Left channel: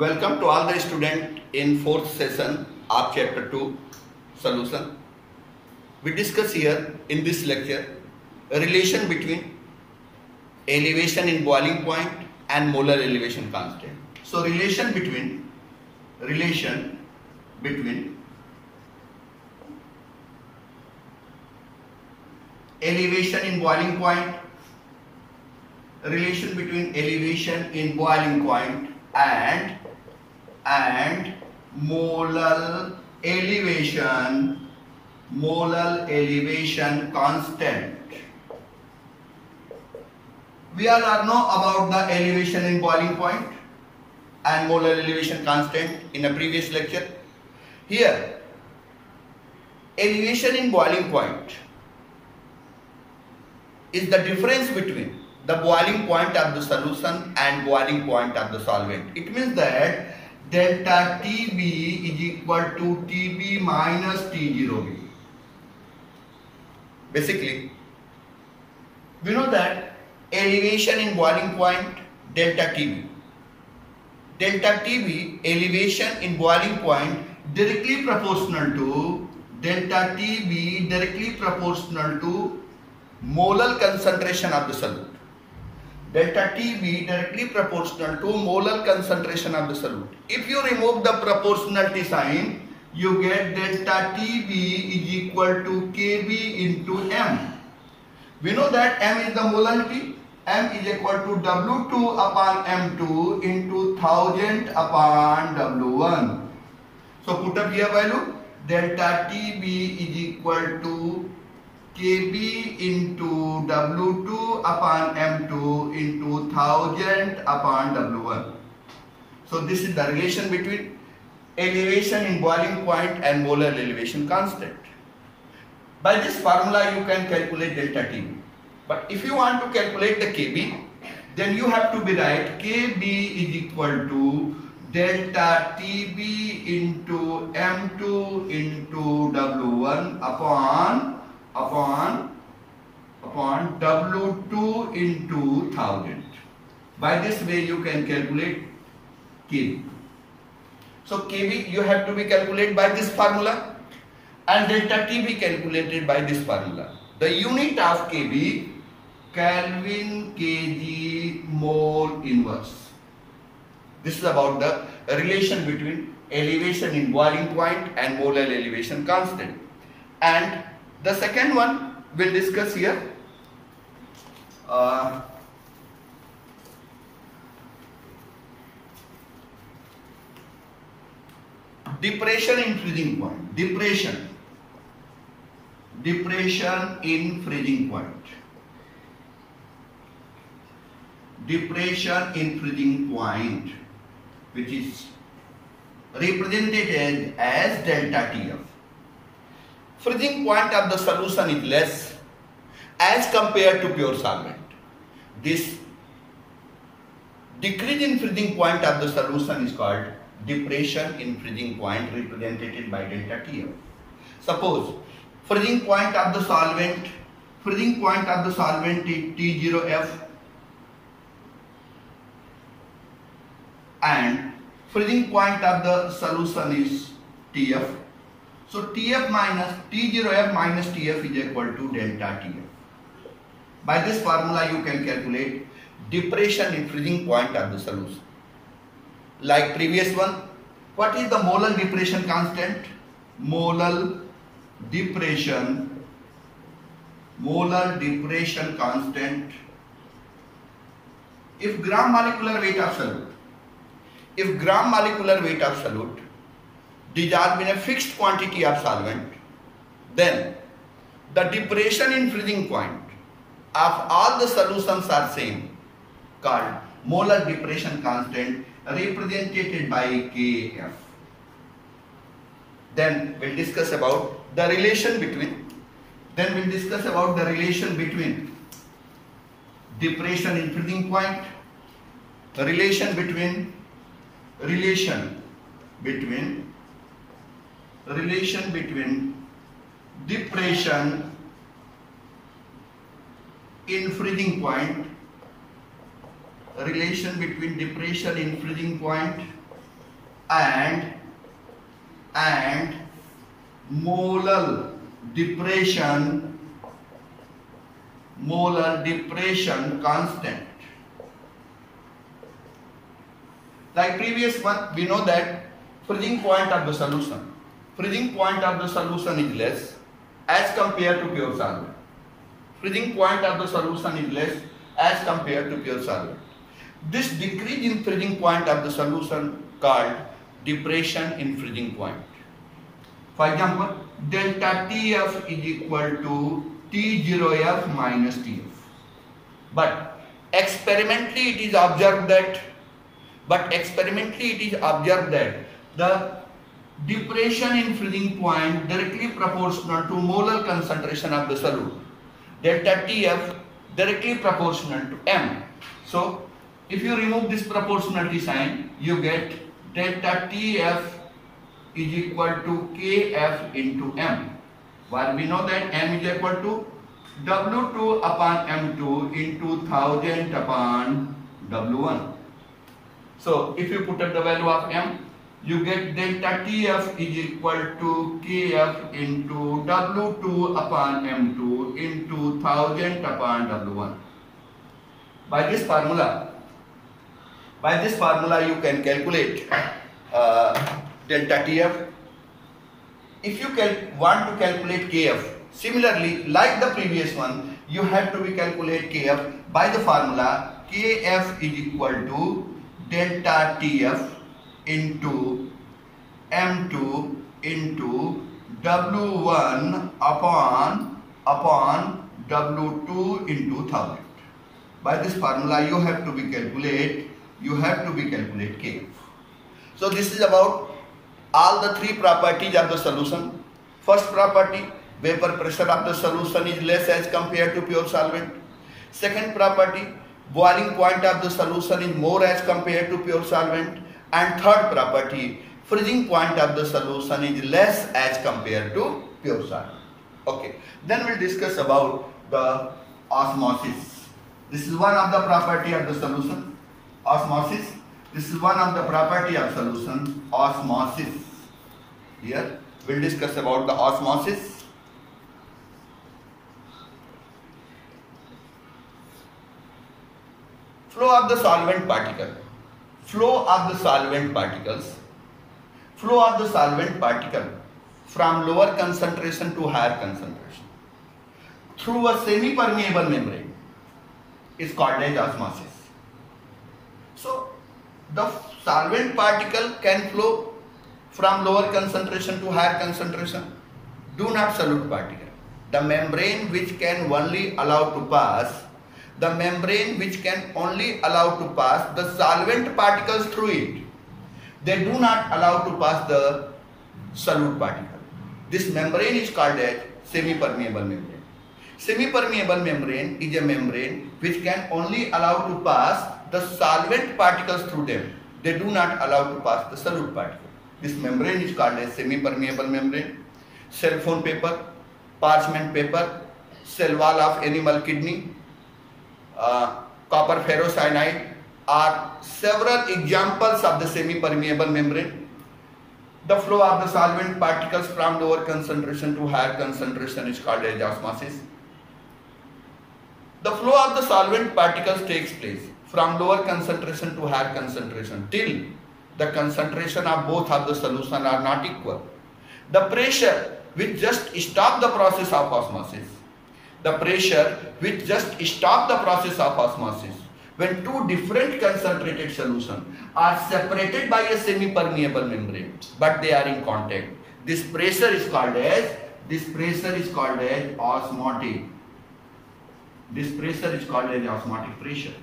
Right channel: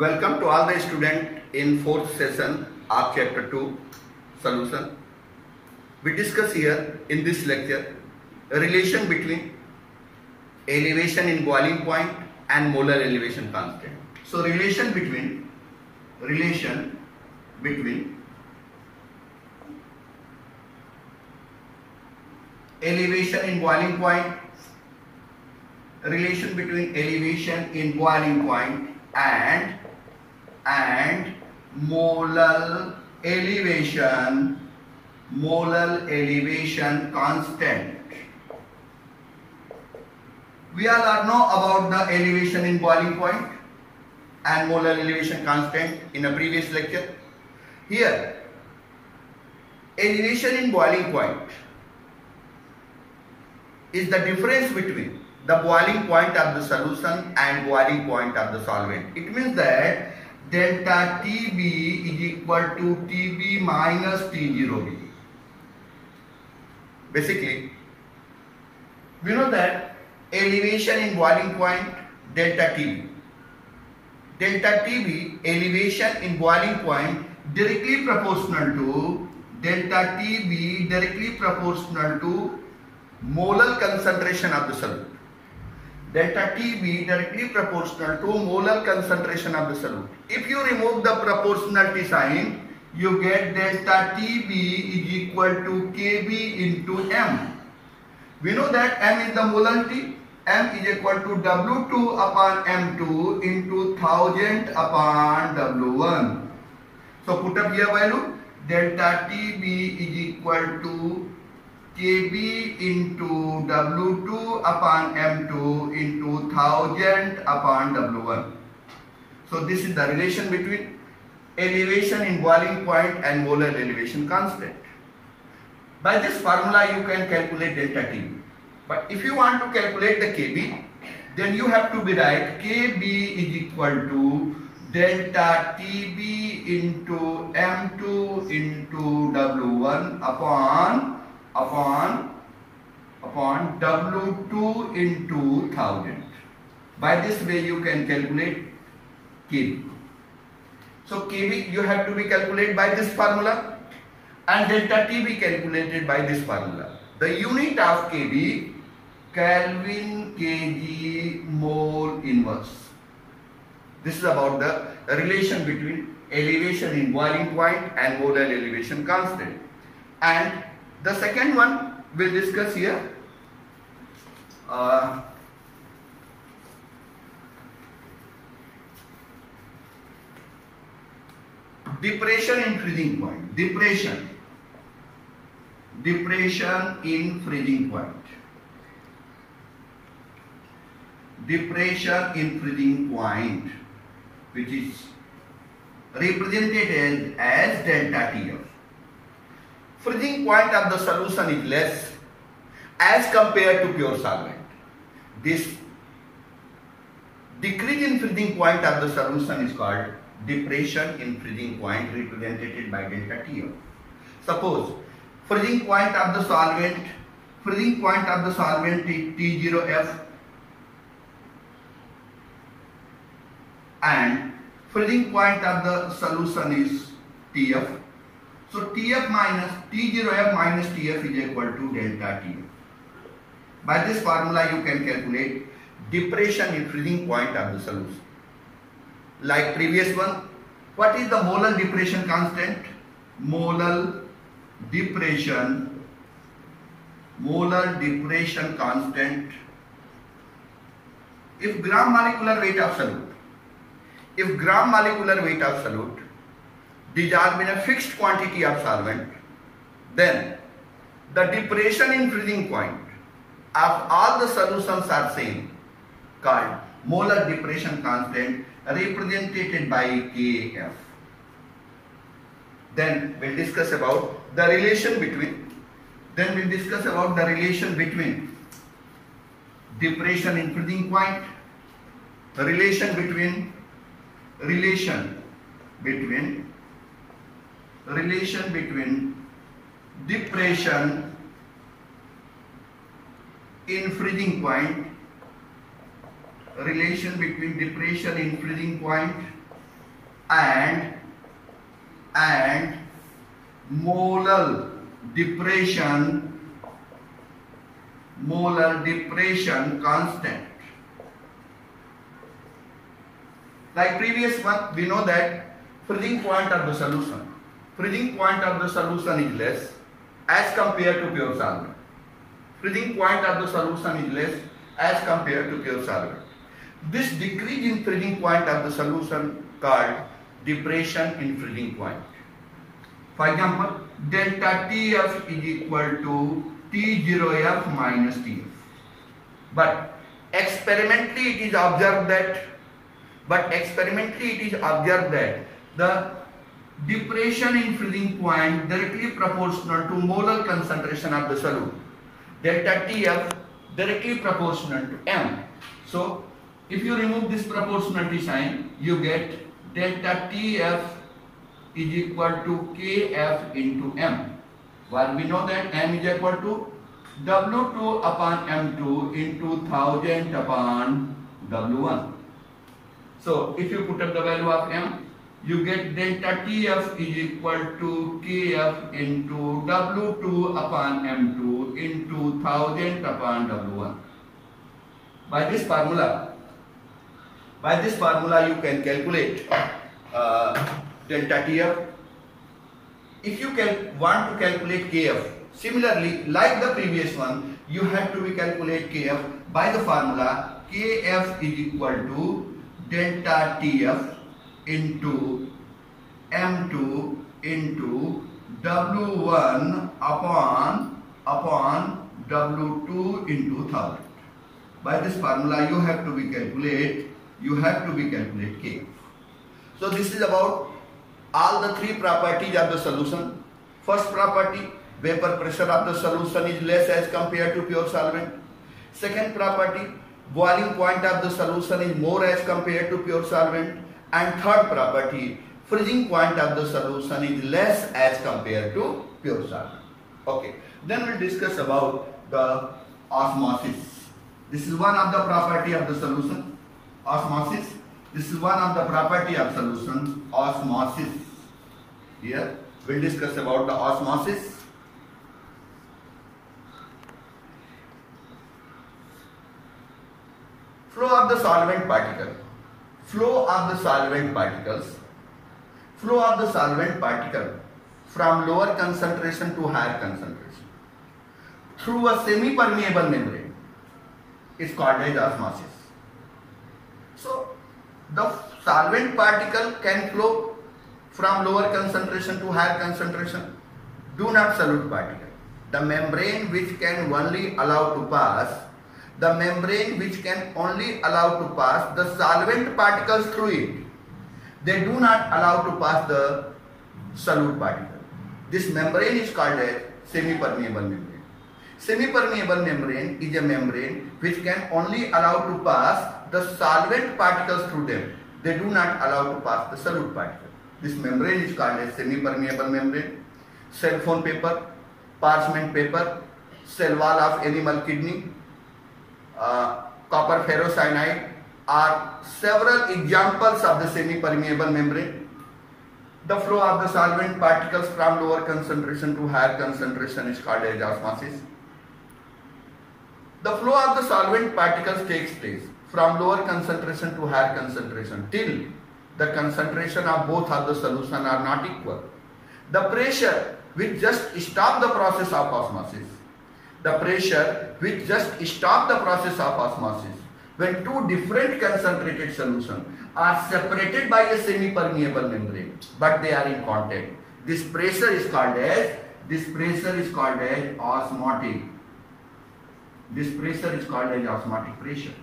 Welcome to all the students in fourth session of chapter 2 solution. We discuss here in this lecture a relation between elevation in boiling point and molar elevation constant. So relation between elevation in boiling point, relation between elevation in boiling point and molar elevation constant. We all know about the elevation in boiling point and molar elevation constant in a previous lecture. Here, elevation in boiling point is the difference between the boiling point of the solution and boiling point of the solvent. It means that delta TB is equal to TB minus T0B. Basically, we know that elevation in boiling point delta TB. Delta TB elevation in boiling point directly proportional to delta TB directly proportional to molar concentration of the solute. Delta TB directly proportional to molar concentration of the solute. If you remove the proportionality sign, you get delta TB is equal to Kb into M. We know that M is the molarity. M is equal to W2 upon M2 into 1000 upon W1. So put up here value. Delta TB is equal to Kb into W2 upon M2 into 1000 upon W1. So this is the relation between elevation in boiling point and molar elevation constant. By this formula you can calculate delta TB. But if you want to calculate the Kb, then you have to be right. Kb is equal to delta TB into M2 into W1 upon W2 into 1000. By this way you can calculate Kb. So Kb you have to be calculated by this formula and delta TB calculated by this formula. The unit of Kb, Kelvin kg mole inverse. This is about the relation between elevation in boiling point and molar elevation constant. And the second one we'll discuss here. Depression in freezing point. Depression in freezing point. Depression in freezing point, which is represented as delta TF. Freezing point of the solution is less as compared to pure solvent. This decrease in freezing point of the solution is called depression in freezing point, represented by delta TF. Suppose freezing point of the solvent is T0F and freezing point of the solution is TF. So TF minus T0F minus TF is equal to delta TF. By this formula you can calculate depression in freezing point of the solution. Like previous one, what is the molar depression constant? Molar depression constant. If gram molecular weight of solute dissolved in a fixed quantity of solvent, then the depression in freezing point of all the solutions are same, called molar depression constant, represented by Kf. Then we'll discuss about the relation between depression in freezing point, relation between depression in freezing point, relation between depression in freezing point and molar depression constant. Like previous one, we know that freezing point of the solution is less as compared to pure solvent. Freezing point of the solution is less as compared to pure solvent. This decrease in freezing point of the solution called depression in freezing point. For example, delta TF is equal to T0F minus TF. But experimentally it is observed that the depression in freezing point directly proportional to molar concentration of the solute. Delta TF directly proportional to M. So if you remove this proportionality sign, you get delta TF is equal to KF into M. While we know that M is equal to W2 upon M2 into 1000 upon W1. So if you put up the value of M, you get delta TF is equal to KF into W2 upon M2 into 1000 upon W1. By this formula you can calculate delta TF. If you want to calculate KF, similarly like the previous one, you have to calculate KF by the formula KF is equal to delta TF into M2 into W1 upon W2 into 1000. By this formula you have to calculate KF. So this is about all the three properties of the solution. First property, vapor pressure of the solution is less as compared to pure solvent. Second property, boiling point of the solution is more as compared to pure solvent. And third property, freezing point of the solution is less as compared to pure solvent. Okay, then we'll discuss about the osmosis. This is one of the property of the solution, osmosis. This is one of the property of solution, osmosis. Here we'll discuss about the osmosis. Flow of the solvent particle. Flow of the solvent particle from lower concentration to higher concentration through a semi-permeable membrane is called as osmosis. So the solvent particle can flow from lower concentration to higher concentration. Do not solute particle. The membrane which can only allow to pass the solvent particles through it. They do not allow to pass the solute particle. This membrane is called as semi-permeable membrane. Semi-permeable membrane is a membrane which can only allow to pass the solvent particles through them. They do not allow to pass the solute particle. This membrane is called as semi-permeable membrane. Cell phone paper, parchment paper, cell wall of animal kidney, copper ferrocyanide are several examples of the semi-permeable membrane. The flow of the solvent particles from lower concentration to higher concentration is called as osmosis. The flow of the solvent particles takes place from lower concentration to higher concentration till the concentration of both of the solution are not equal. The pressure which just stop the process of osmosis. When two different concentrated solutions are separated by a semi-permeable membrane, but they are in contact, this pressure is called as osmotic. This pressure is called as osmotic pressure.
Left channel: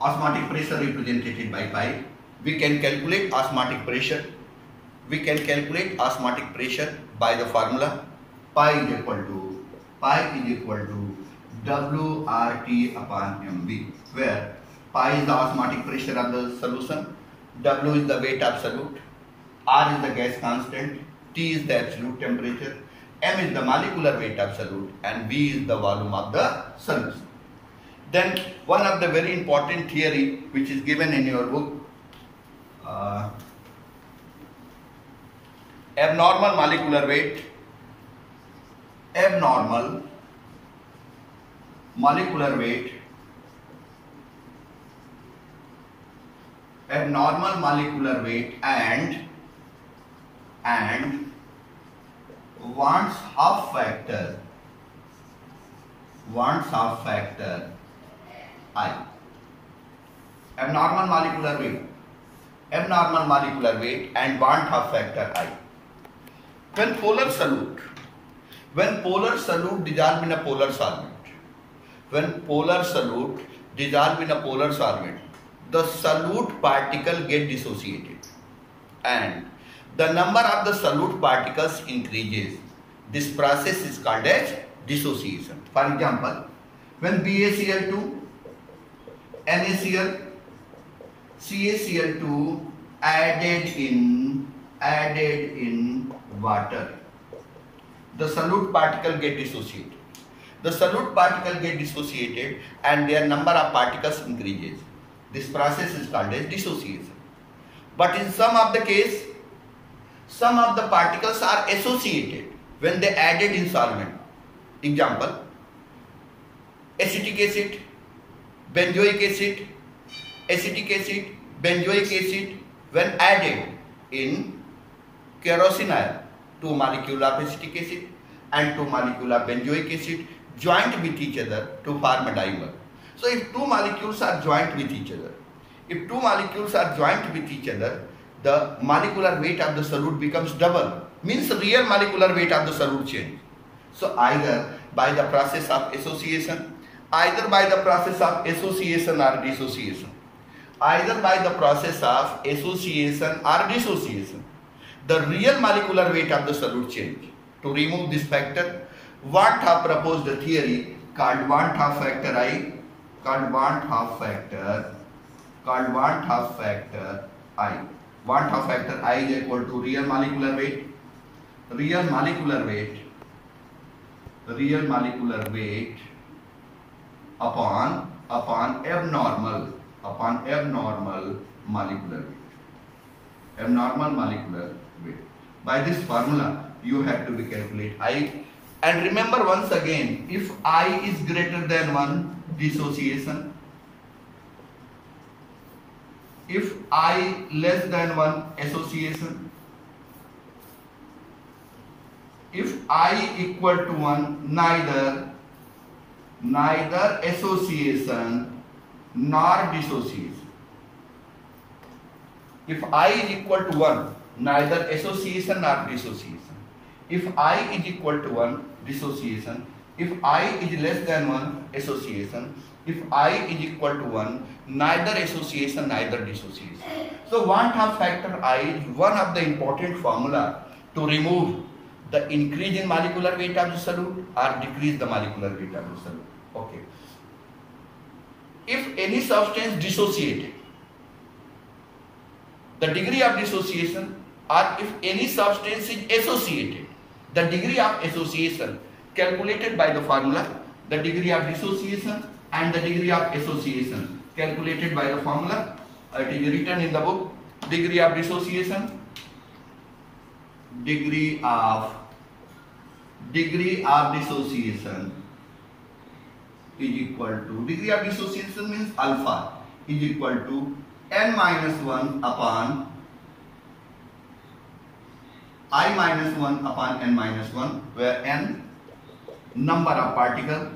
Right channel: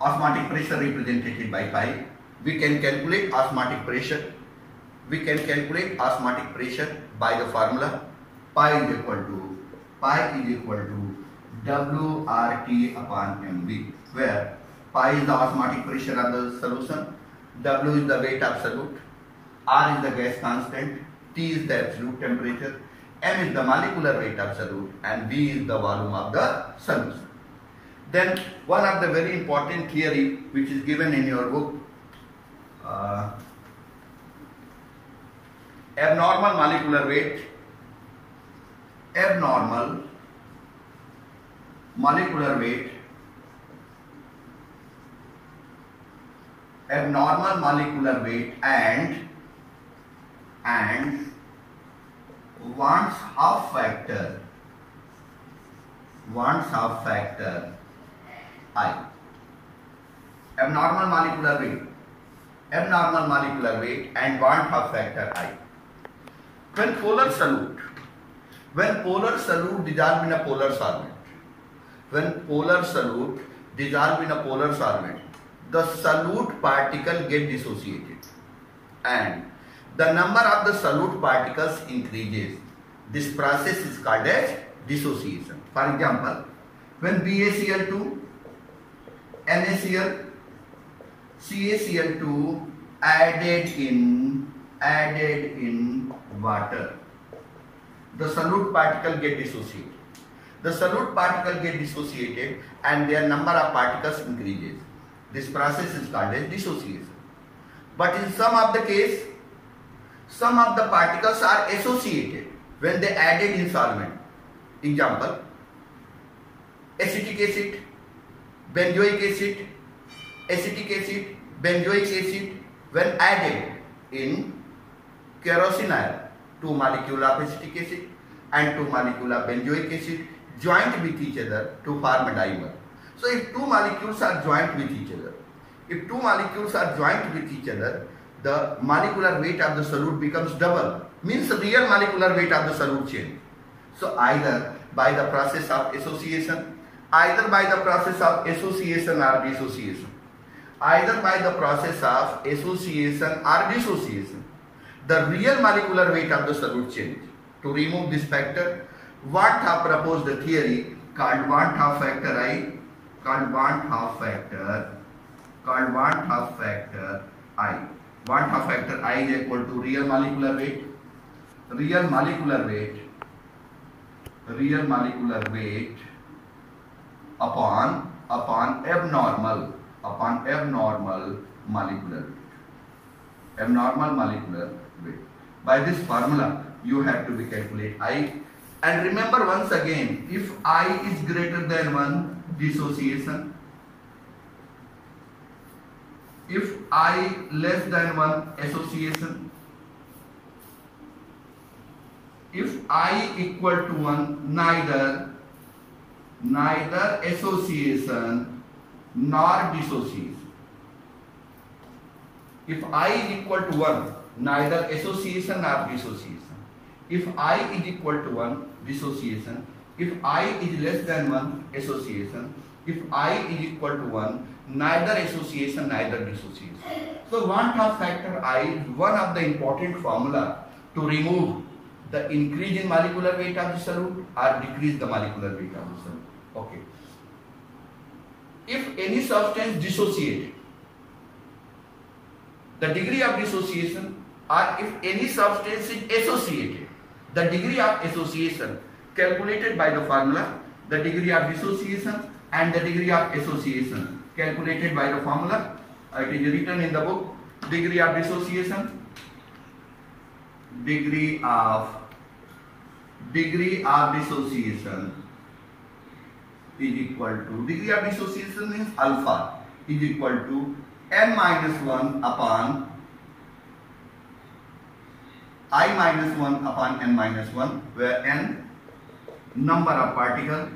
Osmotic pressure represented by pi. We can calculate osmotic pressure. By the formula pi is equal to WRT upon MV, where pi is the osmotic pressure of the solution, W is the weight of solute, R is the gas constant, T is the absolute temperature, M is the molecular weight of solute, and V is the volume of the solution. Then one of the very important theory which is given in your book, abnormal molecular weight, abnormal molecular weight, abnormal molecular weight and Wand's half factor, I. Abnormal molecular weight and Wand's half factor I. When polar solute dissolve in a polar solvent, the solute particle get dissociated and the number of the solute particles increases. This process is called as dissociation. For example, when BaCl2, NaCl, CaCl2 added in water, the solute particle get dissociated. And their number of particles increases. This process is called as dissociation. But in some of the case, some of the particles are associated when they added in solvent. Example, acetic acid, benzoic acid, when added in kerosene oil, 2 molecules of acetic acid and 2 molecules of benzoic acid joined with each other to form a dimer. So if 2 molecules are joined with each other, the molecular weight of the solute becomes double, means the real molecular weight of the solute change. So either by the process of association or dissociation, the real molecular weight of the solute change. To remove this factor, Wand have proposed a theory called Wand half factor I, Wand half factor I. Wand half factor I is equal to real molecular weight upon abnormal molecular weight. By this formula, you have to be calculate I. And remember once again, if I is greater than 1, dissociation. If I less than 1, association. If I equal to 1, neither association nor dissociation. If I is equal to 1, neither association nor dissociation. If I is equal to 1, dissociation. If I is less than 1, association. If I is equal to 1, neither association, neither dissociation. So Wand half factor I is one of the important formula to remove the increase in molecular weight of the solute or decrease the molecular weight of the solute. Okay. If any substance dissociated, the degree of dissociation, or if any substance is associated, the degree of association calculated by the formula, the degree of dissociation and the degree of association calculated by the formula. It is written in the book. Degree of dissociation is equal to, degree of dissociation means alpha, is equal to n minus 1 upon I minus 1 upon n minus 1, where n number of particles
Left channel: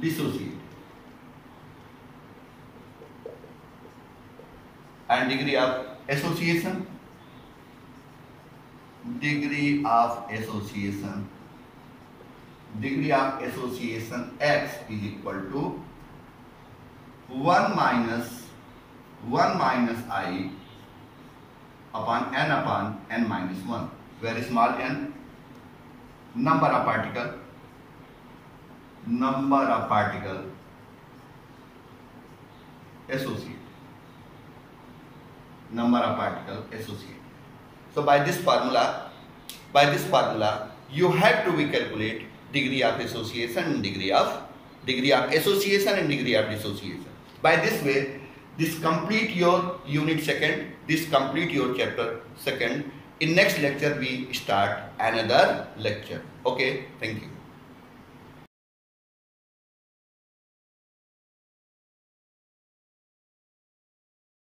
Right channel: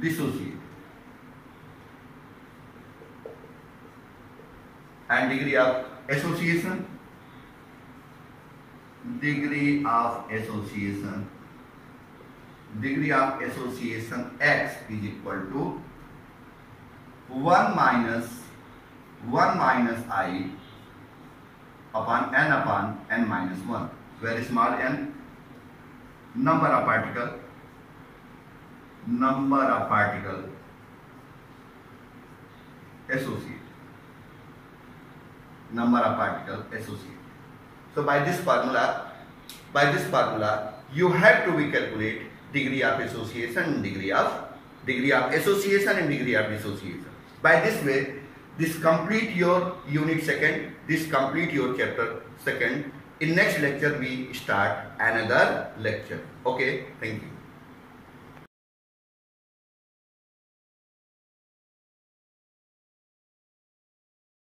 dissociate, and degree of association x is equal to 1 minus I upon n minus 1, where small n number of particles associate. So by this formula, by this formula, you have to be calculate degree of association and degree of association and degree of dissociation. By this way, this complete your unit second, this complete your chapter second. In next lecture we start another lecture. Okay, thank you.